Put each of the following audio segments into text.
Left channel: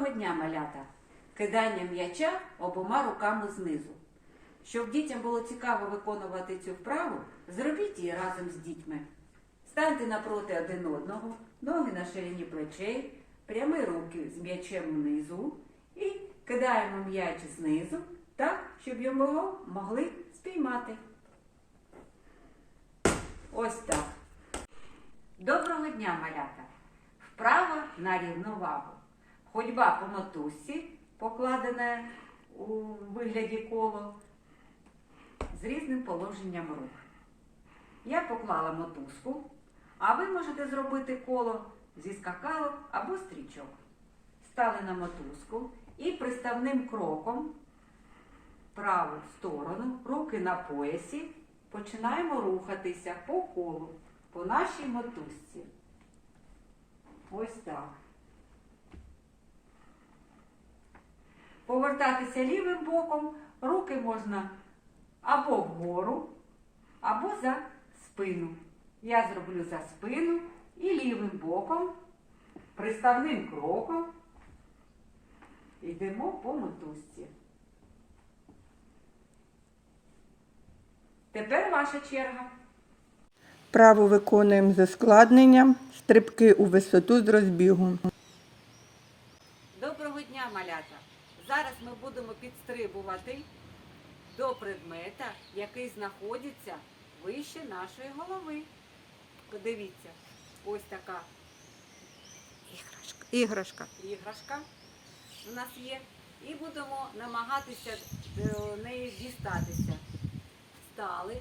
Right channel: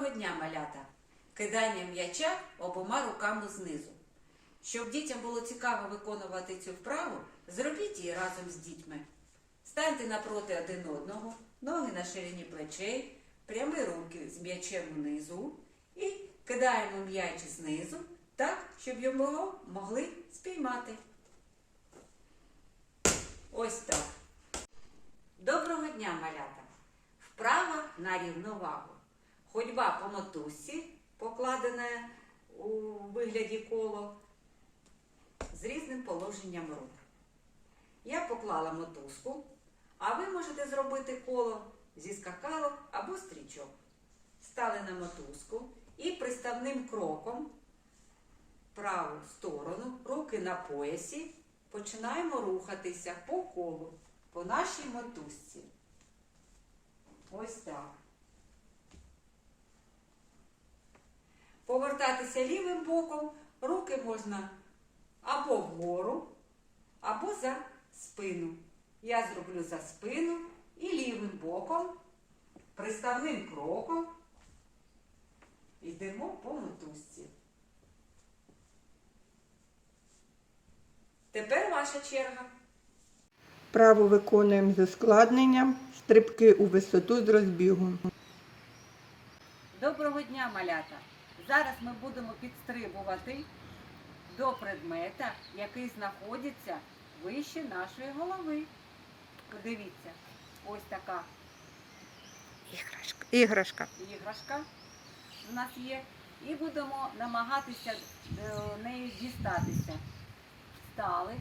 Доброго дня, малята! Кидання м'яча обома руками знизу. Щоб дітям було цікаво виконувати цю вправу, зробіть її разом з дітьми. Станьте напроти один одного, ноги на ширині плечей, прямі руки з м'ячем внизу і кидаємо м'яч знизу так, щоб його могли спіймати. Ось так. Доброго дня, малята! Вправа на рівновагу. Ходьба по мотузці, покладена у вигляді коло, з різним положенням рук. Я поклала мотузку, а ви можете зробити коло зі скакалок або стрічок. Стали на мотузку і приставним кроком праву сторону, руки на поясі, починаємо рухатися по колу, по нашій мотузці. Ось так. Повертатися лівим боком, руки можна або вгору, або за спину. Я зроблю за спину і лівим боком, приставним кроком йдемо по мотузці. Тепер ваша черга. Право виконуємо з ускладненням, стрибки у висоту з розбігу. Доброго дня, малята! Зараз ми будемо підстрибувати до предмета, який знаходиться вище нашої голови. Подивіться, ось така Іграшка. Іграшка. іграшка у нас є. І будемо намагатися до неї дістатися. Стали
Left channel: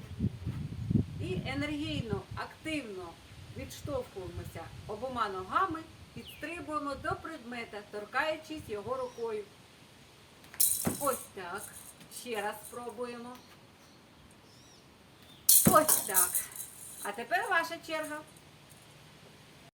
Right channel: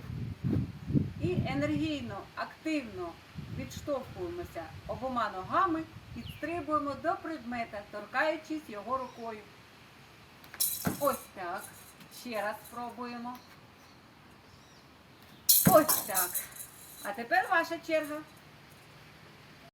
і енергійно, активно відштовхуємося обома ногами, підстрибуємо до предмета, торкаючись його рукою. Ось так. Ще раз спробуємо. Ось так. А тепер ваша черга.